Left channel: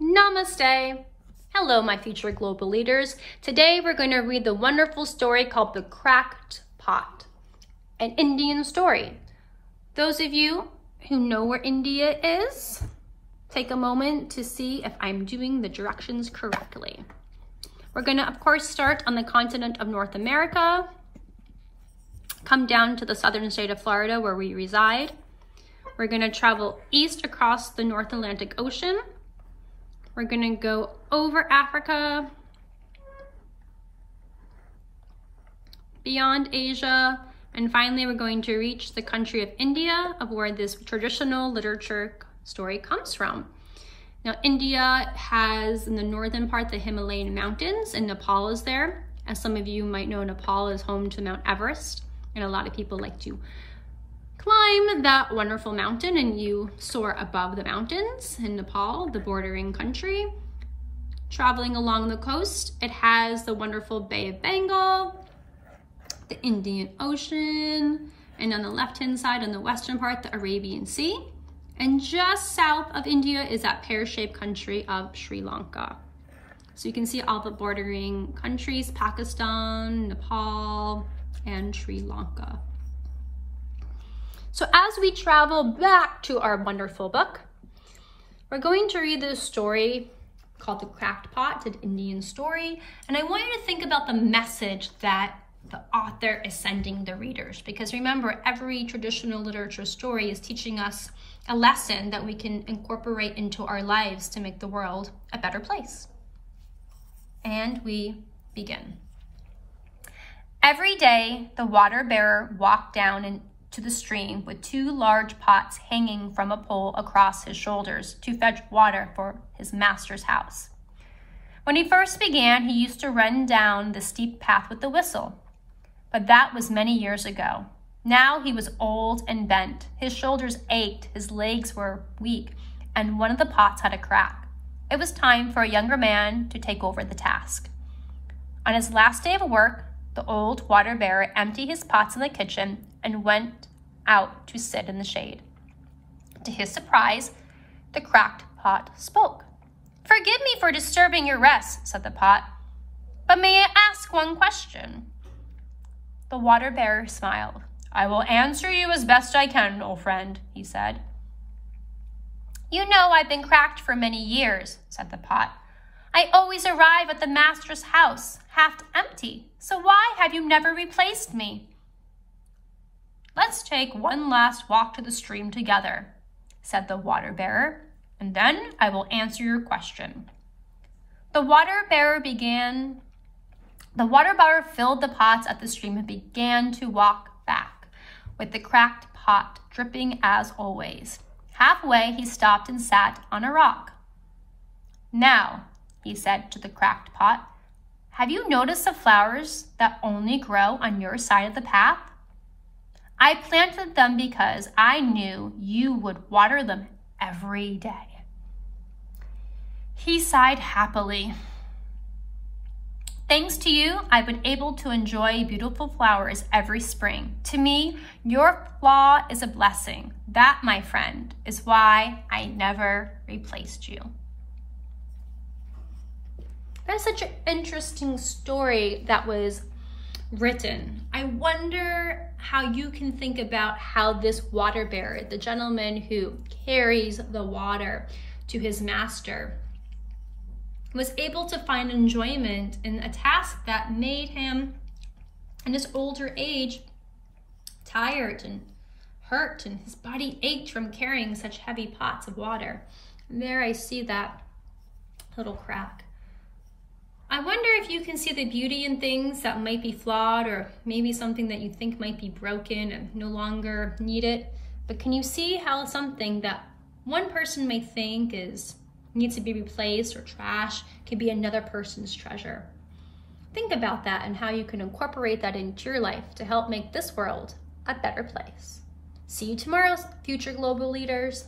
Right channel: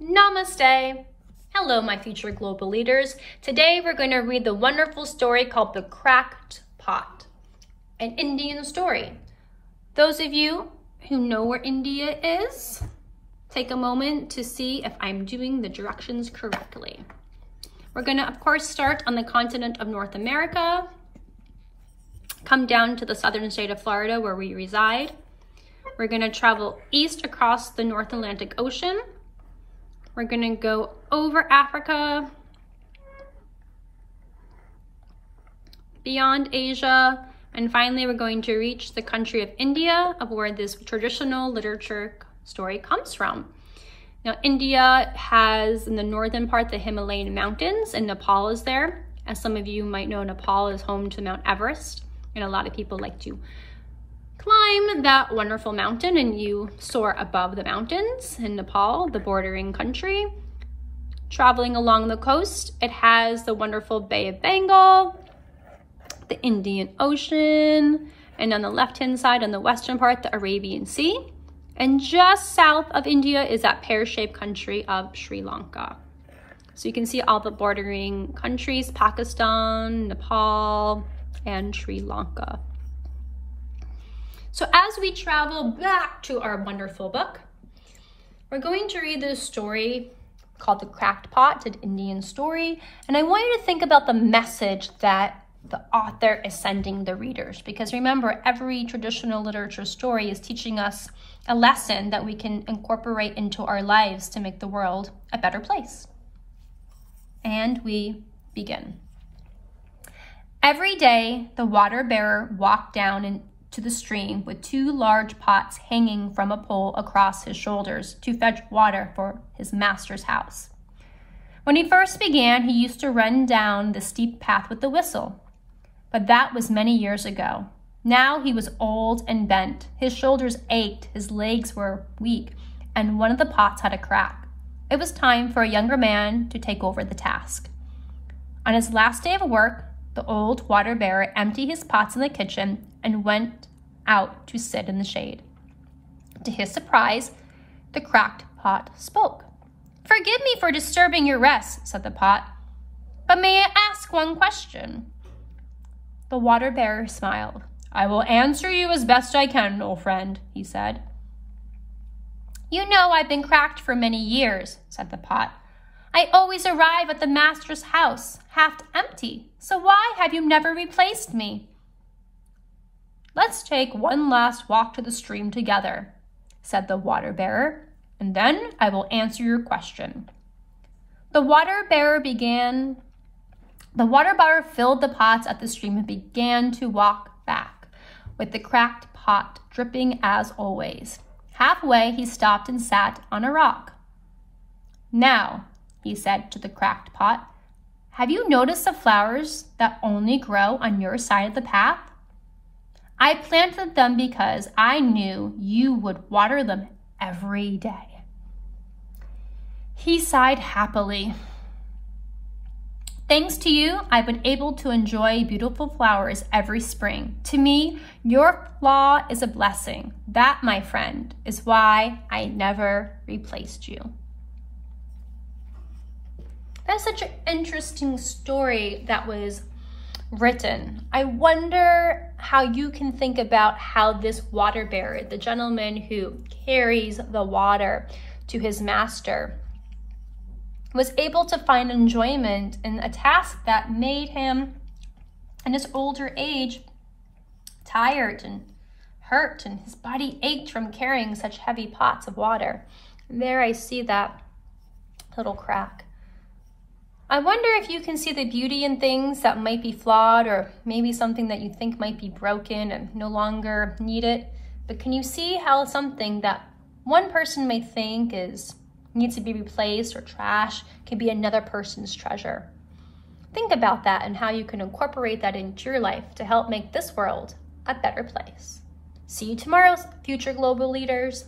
Namaste. Hello, my future global leaders. Today we're going to read the wonderful story called The Cracked Pot, an Indian story. Those of you who know where India is, take a moment to see if I'm doing the directions correctly. We're going to, of course, start on the continent of North America, come down to the southern state of Florida where we reside. We're going to travel east across the North Atlantic Ocean. We're going to go over Africa, beyond Asia, and finally we're going to reach the country of India, of where this traditional literature story comes from. Now, India has in the northern part the Himalayan mountains, and Nepal is there. As some of you might know, Nepal is home to Mount Everest, and a lot of people like to climb that wonderful mountain, and you soar above the mountains in Nepal, the bordering country. Traveling along the coast, it has the wonderful Bay of Bengal, the Indian Ocean, and on the left-hand side, on the western part, the Arabian Sea. And just south of India is that pear-shaped country of Sri Lanka. So you can see all the bordering countries, Pakistan, Nepal, and Sri Lanka. So as we travel back to our wonderful book, we're going to read this story called The Cracked Pot, an Indian story. And I want you to think about the message that the author is sending the readers. Because remember, every traditional literature story is teaching us a lesson that we can incorporate into our lives to make the world a better place. And we begin. Every day, the water bearer walked down to the stream with two large pots hanging from a pole across his shoulders to fetch water for his master's house. When he first began, he used to run down the steep path with a whistle, but that was many years ago. Now he was old and bent. His shoulders ached, his legs were weak, and one of the pots had a crack. It was time for a younger man to take over the task. On his last day of work, the old water bearer emptied his pots in the kitchen and went out to sit in the shade. To his surprise, the cracked pot spoke. "Forgive me for disturbing your rest," said the pot, "but may I ask one question?" The water bearer smiled. "I will answer you as best I can, old friend," he said. "You know I've been cracked for many years," said the pot. "I always arrive at the master's house half empty, so why have you never replaced me?" "Let's take one last walk to the stream together," said the water bearer, "and then I will answer your question." The water bearer filled the pots at the stream and began to walk back, with the cracked pot dripping as always. Halfway, he stopped and sat on a rock. "Now," he said to the cracked pot, "have you noticed the flowers that only grow on your side of the path? I planted them because I knew you would water them every day." He sighed happily. "Thanks to you, I've been able to enjoy beautiful flowers every spring. To me, your flaw is a blessing. That, my friend, is why I never replaced you." That's such an interesting story that was written. I wonder how you can think about how this water bearer, the gentleman who carries the water to his master, was able to find enjoyment in a task that made him, in his older age, tired and hurt, and his body ached from carrying such heavy pots of water. And there I see that little crack. I wonder if you can see the beauty in things that might be flawed, or maybe something that you think might be broken and no longer needed. But can you see how something that one person may think needs to be replaced or trash can be another person's treasure? Think about that and how you can incorporate that into your life to help make this world a better place. See you tomorrow, future global leaders.